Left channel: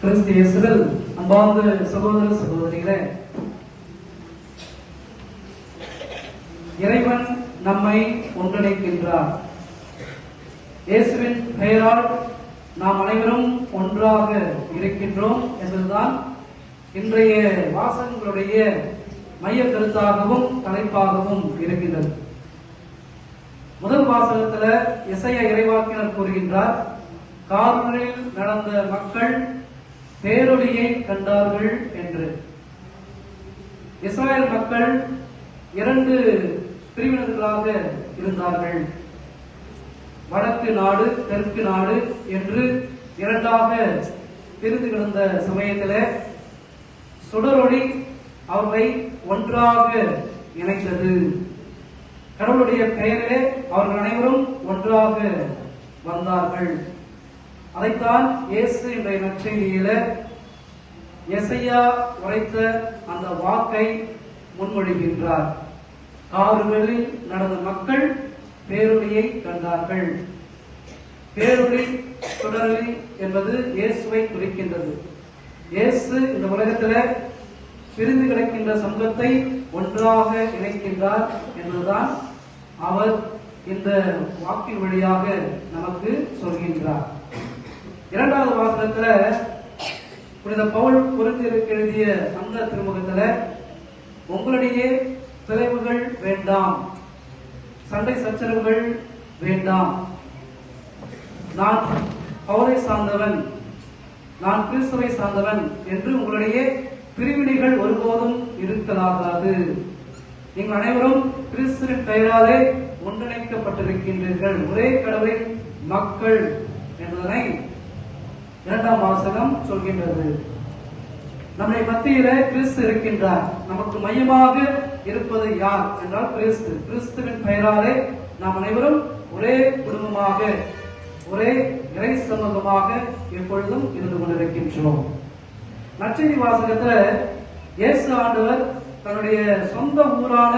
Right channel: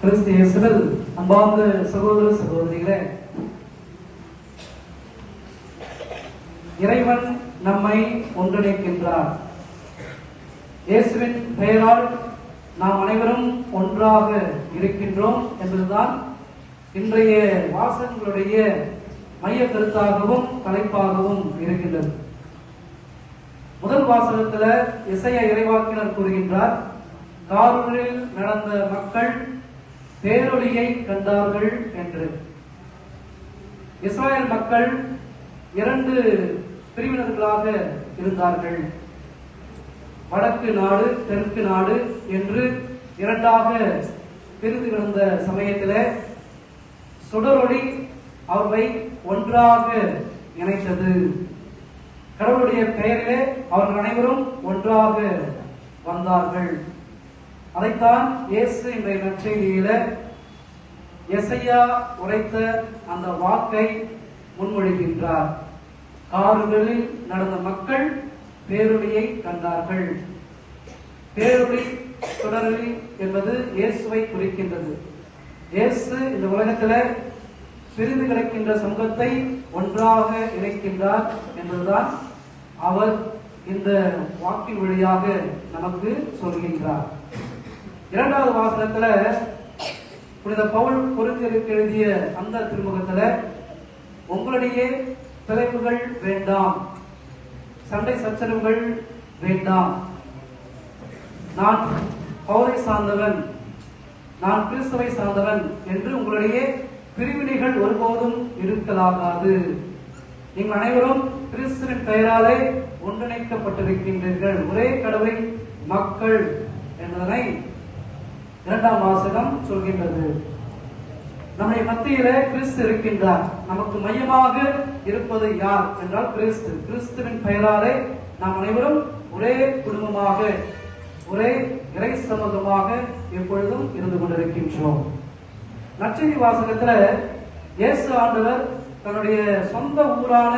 கிறிஸ்து இயேசுவில் அன்பார்ந்த சகோதர சகோதரிகளே, இறைவன் நம்மை ஒன்றிணைக்கின்றார். இயேசுவின் பெயரால் நாம் அனைவரும் ஒன்றாக இருக்கின்றோம் என்பதுதான் இன்றைய வாசகங்களுடைய மைய கருத்தாகவும் தலைப்பாகவும் இருக்கின்றது. முதல் வாசகத்துல எசையா இறைவாக்கினர் கூறுகின்றார், காரில் நடந்த மக்கள் பேரொளியை கண்டார்கள் என்று. இஸ்ராயல் மக்கள் இரண்டு பிரிவினர்களாக இருந்தார்கள். வடக்கு நாடு, தெற்கு நாடு என்று இரண்டாக பிரிந்து கிடந்த சமயத்தில் சுடரொளி அவர்களை ஒன்றாக இணைத்தது. கடவுளுடைய பெயரிலே அவர்கள் அனைவரும் ஒன்றாக வந்தார்கள். அதைத்தான் இயேசு இன்றைய நற்செய்தியில எசையா உரைத்த அந்த வாக்கை முன்மொழிகின்றார். கார்களில் நடந்த மக்கள் பேரொளியை கண்டார்கள். பேரொளி, சுடரொளி என்பது இயேசுவை குறிக்கின்றது. இயேசு இந்த உலகத்துல பிரிந்து கிடக்கின்ற சமூகத்தை ஒன்றாக இணைக்கின்றார் என்பதுதான் அவர் இந்த வாக்கின் வழியாக நமக்கு சொல்கின்றார். இரண்டாவது வாசகத்துல புனித பவுல் கொரிந்தியருக்கு எழுதிய அந்த திருமுகத்துல, உங்களிடையே பிளவுகள் வேண்டாம், சண்டை சச்சரவுகள் வேண்டாம், நான் பவுலை சார்ந்தவன், நான் கிறிஸ்துவை சார்ந்தவன் என்று உங்களிடையே பிரிவினைகள் ஒருபோதும் இருக்கலாகாது. நீங்கள் அனைவரும் கிறிஸ்துவின் பெயராலே ஒன்றிணைக்கப்பட்டிருக்கின்றீர்கள், ஒரே கடவுளின் மக்கள் என்பதனை இரண்டாம் வாசகம் சொல்கின்றது. நம்முடைய மத்தியில கிறிஸ்து இருக்கின்றார். நமக்கு மையமாக இருப்பது யார் என்றால் கிறிஸ்து. கிறிஸ்துவின் பெயராலே நாம் அனைவரும் ஒரே குடும்பமாக, ஒரே இறை சமூகமாக எப்பொழுதும் இருந்து கொண்டிருக்கின்றோம். நற்செய்தி வாசகத்துல இயேசு ஆண்டவர் தன்னுடைய சொந்த ஊரான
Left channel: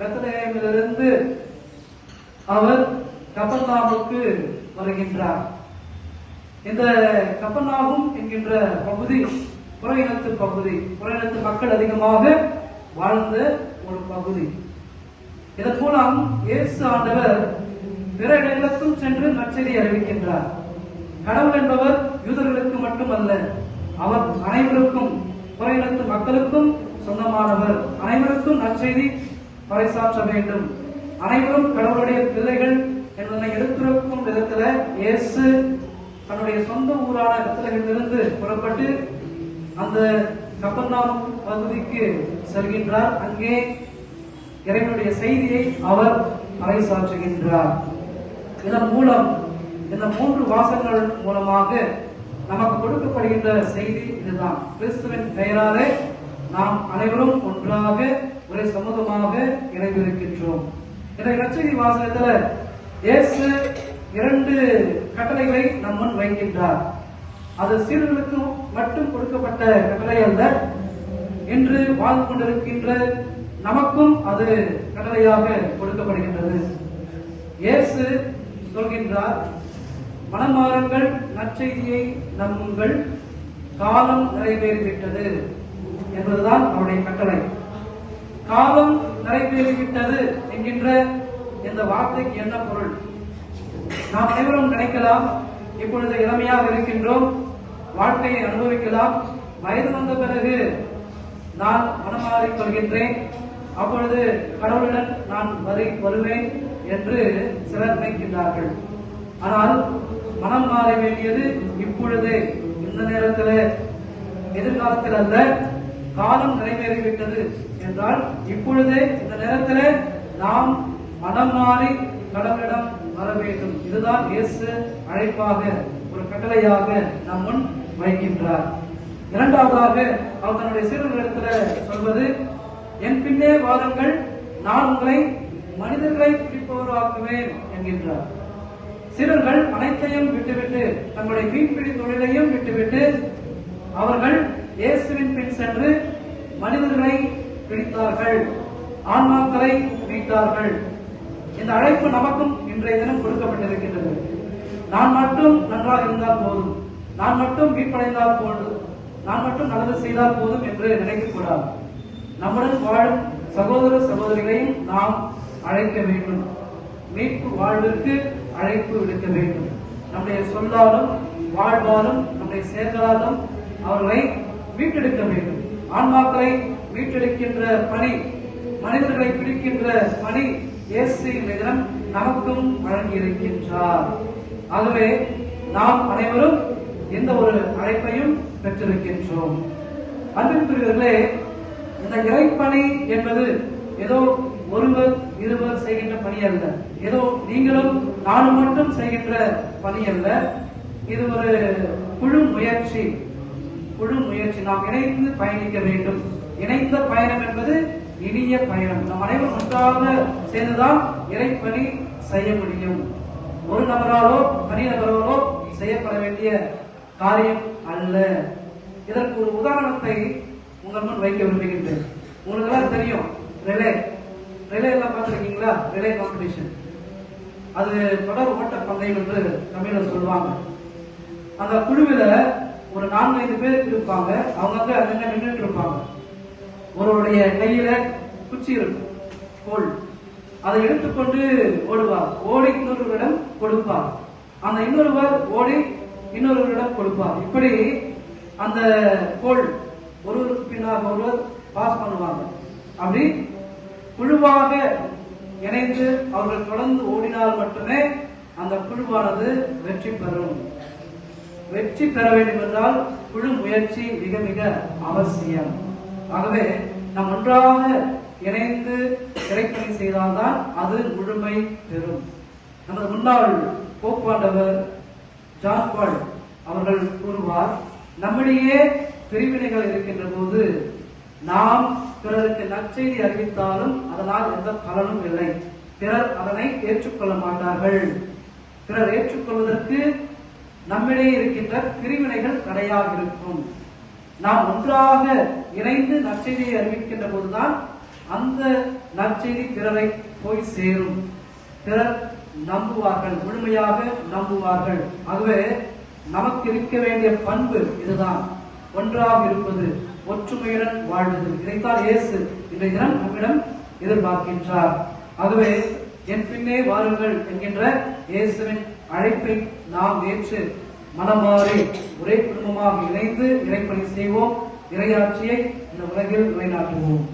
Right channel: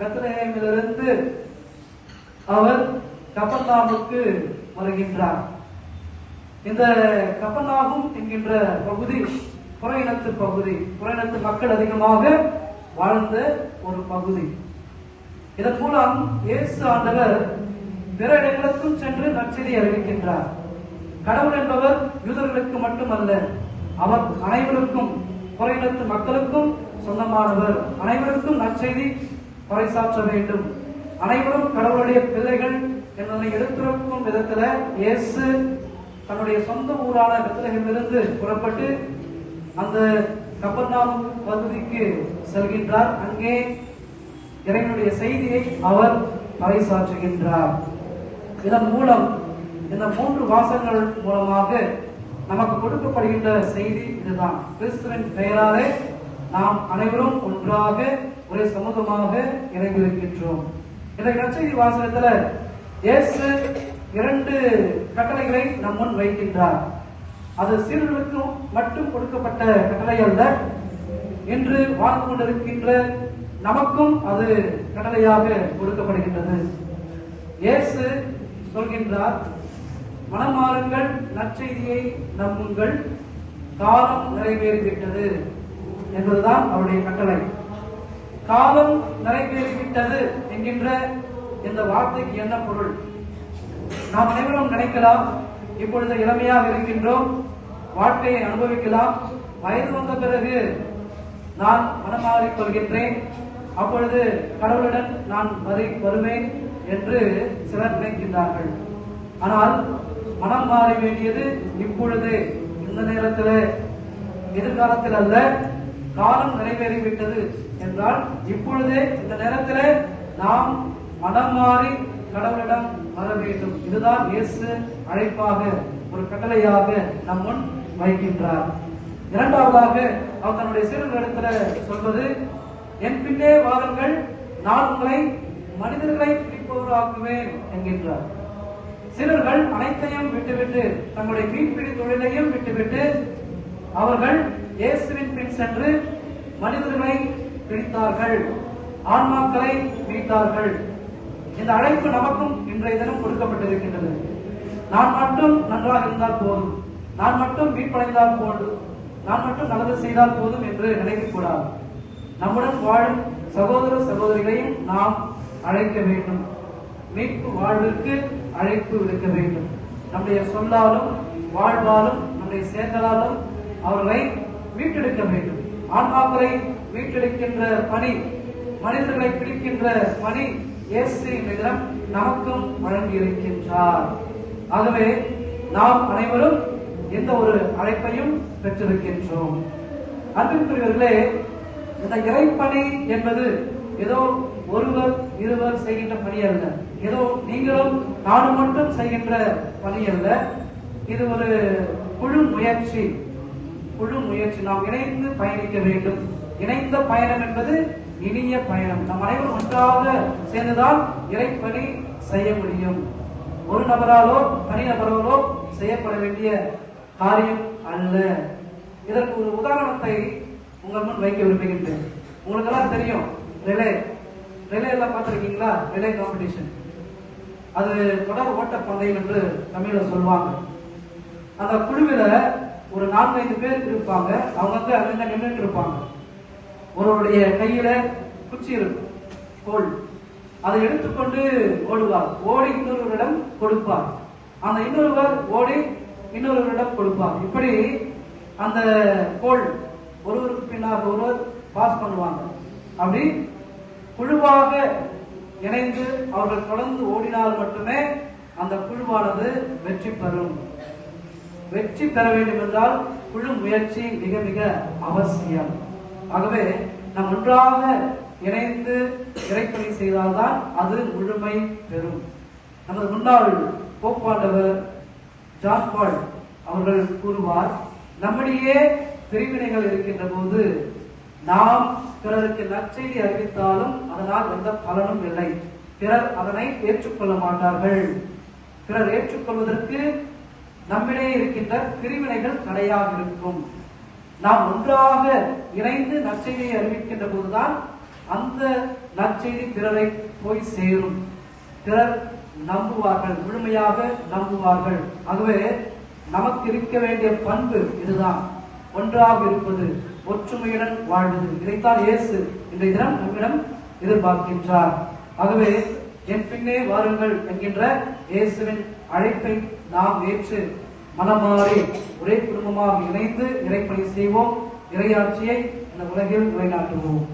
பெத்லகேமிலிருந்து அவர் கப்பர்நாகுமுக்கு வருகின்றார். இந்த கப்பர்நாகும் என்கின்ற பகுதி புற இனத்து பகுதி, புற இனத்து மக்கள் அதிகமாக வாழ்ந்த ஒரு பகுதி. இதன் மூலம் இயேசு ஆண்டவர் பிற இடங்களுக்கும் சென்று நற்செய்தி அறிவிக்கின்றார். கடவுள் என்பவர் யூதர்களுக்கு மட்டுமல்ல, அவர் அனைவருக்கும், புற இனத்து மக்களுக்கும் சொந்தமானவர். அனைவருக்கும் நற்செய்தி பறைசாற்ற வேண்டும், அனைவரும் கடவுளுடைய பிள்ளைகள் என்பதனை எடுத்துரைக்கும் விதத்துல இயேசு தன்னுடைய சொந்த ஊரான பெத்லகேமிலிருந்து புறப்பட்டு அந்த கப்பர்நாகும் பகுதிக்கு செல்கின்றார். அங்கே இறைவனுடைய செய்தியை அவர் பறைசாற்றுகின்றார். இதன் மூலம் இந்த 3 வாசகங்கள் மூலமாக நமக்கு கொடுக்கப்படுகின்ற செய்தி இதுதான். கிறிஸ்துவின் பெயராலே நாம் அனைவரும் ஒன்றாக ஒரே சமூகமாக இணைந்திருக்கின்றோம். இந்த நற்செய்தி வாசகத்துல இயேசு 2 கட்டளைகளை நம் முன் வைக்கின்றார். அது சீடர்களுக்கு மட்டும் கொடுக்கப்பட்ட கட்டளை அல்ல, இன்று வாழ்ந்து கொண்டிருக்கின்ற நமக்கும் அது கட்டளையாக கொடுக்கப்படுகின்றது. இயேசு சொல்கின்றார், மனமாறுங்கள், நற்செய்தியை நம்புங்கள், காலம் நிறைவேறிவிட்டது என்பதுதான் அவருடைய கட்டளை. காலம் நிறைவேறிவிட்டது என்கின்ற இந்த வார்த்தைக்கு என்ன பொருள்? நாம் அனைவரும் நினைக்கலாம், இப்பொழுது இளமையாக இருக்கின்றோம், வாழ்க்கையை அனுபவிக்கலாம், வயது வந்த பிறகு நான் மனமாறிக் கொள்கின்றேன், அப்பொழுது கடவுளுடன் நான் வருவேன் என்று சிலர் நினைக்கின்றார்கள். ஆனால் மனம் மாற வேண்டியது இப்பொழுதே, இந்த நேரத்தில், எதிர்காலத்தில் அல்ல. காலம் நிறைவேறிவிட்டது என்றால் இப்பொழுதே, இந்த நேரத்தில் நாம் மனம் மாறி கடவுளிடம் வர வேண்டும். இதுதான் இயேசு அழைப்பாக, ஒரு கட்டளையாக நம் முன் வைக்கின்றார். இரண்டாவதாக அவர் தன்னுடைய சீடர்களிடத்தில் சொல்வது, என் பின்னே வாருங்கள், நான் உங்களை மனிதர்களை பிடிப்பவராக்குவேன் என்கின்றார். சீடர்கள் அனைத்தையும் விட்டுவிட்டு, தங்களுடைய மீன்பிடி தொழிலையும் விட்டுவிட்டு அவர்கள் இயேசுவின் பின் சென்று மனிதர்களை பிடித்தார்கள், ஆன்மாக்களை மீட்டார்கள். இந்த அழைப்பு நமக்கும் இன்றைய தினம் கொடுக்கப்பட்டிருக்கின்றது. நான் மட்டும் நன்றாக இருந்தால் போதும், நான் மட்டும் மீட்படைந்தால் போதும், நான் மட்டும் நல்லது செய்தால் போதும் என்று நினைக்கக்கூடாது. நம்முடன் வாழும் சகோதர சகோதரிகளையும் நாம் அழைக்க வேண்டும். மீட்பு வாழ்விற்கு அழைப்பு விடுக்க வேண்டும். நம்முடைய சொல்லாலும் வாழ்வாலும் நம்முடைய செயல்களாலும் அவர்களை மீட்டெடுக்க வேண்டும். ஆன்மாக்களை மீட்டெடுக்கின்ற பணி, மனிதர்களை பிடிக்கின்ற பணி இயேசுவின் தினம் நமக்கும் வழங்கி இருக்கின்றார். ஆகவே நாம் அனைவரும் எந்த ஒரு அழைப்பையும் பெற்றிருக்கின்றோம். அன்பிற்குரியவர்களே, இந்த இறைப்பணி என்பது ஏதோ ஒருவர் இருவர் செய்கின்ற பணி அல்ல, ஏதோ நீங்களும் நானும் மட்டும் செய்கின்ற பணி அல்ல. இது ஒரு குழு முயற்சி. நாம் இணைந்து பயணிக்க வேண்டும். இணைந்த பயணம் என்பது இனிய பயணம். நம் அனைவரும் ஒன்றாக சேர்ந்துதான் இறைப்பணி செய்ய முடியும். ஒரு நபராலோ தனி நபராலோ செய்யப்பட வேண்டிய காரியம் அல்ல. இதற்கு ஒரு உதாரணத்தை உங்கள் முன் வைக்க விரும்புகின்றேன். உங்களுக்கு எல்லாம் தெரியும், ரிலே எல்லாம் பார்த்திருக்கீங்களா? ரிலே காம்படிஷன், அது தொடர் ஓட்ட பந்தயம் என்று தமிழ்ல சொல்லுவாங்க. அந்த குழுவில ஒரு 4-5 பேர் இருப்பாங்க. அவங்க அங்கங்க நின்றுட்டு இருப்பாங்க. ஒருவருடைய கையில குச்சி இருக்கும், கோல். அதை எடுத்துக்கொண்டு ஓடுவார். ஓடி இன்னொருவரிடம் கொடுப்பார். அந்த இன்னொருவர் ஓடி இன்னொருவரிடம் கொடுப்பார். இப்படி அந்த கோல் ஒருவருக்கு பின்னால் ஒருவர் பாஸ் பண்ணுவாங்க. அப்படி குழுவாக இணைந்து அவர்கள் தொடர்ந்து ஓடினால் மட்டுமே அந்த குழுவானது வெற்றி பெறும். வெற்றி பெற வேண்டும் என்றால் குழு முயற்சி மிக மிக அவசியம். ஆகவே நாம் ஒன்றாக இணைந்து இறைப்பணி செய்தால்தான் அது முழுமை பெறும். நமது முன்னாள் போப்பாண்டவர் ஜான் பால் அவர்கள் கூறுவார், நம்மிடையே பிரிவினைகள் இருக்கின்ற போது நாம் பிறருக்கு நற்செய்தி அறிவித்தாலும் அதனால் எந்த பலனும் இல்லை. பிறர் அதனை ஏற்றுக்கொள்ள மாட்டார்கள். பிறர் ஏற்றுக்கொள்வதற்கு நம்மிடையே இருக்கின்ற பிரிவினைகள் தடையாக இருக்கும். நாம் ஒன்றாக இணைந்து நற்செய்தியை அறிவிக்கின்ற போதுதான் அந்த நற்செய்தி பிறரை போய் சேரும். பிறர் நம்புவார்கள், முழுமையாக நம்புவார்கள். ஆகவே நமக்கு இருக்க வேண்டிய பண்பு இதுதான், ஒன்றாக இருப்பது, ஒற்றுமையுடன் வாழ்வது. இதைத்தான் இயேசு இன்றைய தினம் நம்மிடம் எதிர்பார்க்கின்றார். ஆகவே என் பின்னே வாருங்கள் என்கின்ற இயேசுவின் அழைப்பை நாம் ஏற்று மனமாறி ஒரே குடும்பமாக இணைந்து இறைப்பணி செய்வோம். இறையாட்சியை இந்த உலகில் நிலைநாட்டுவோம்.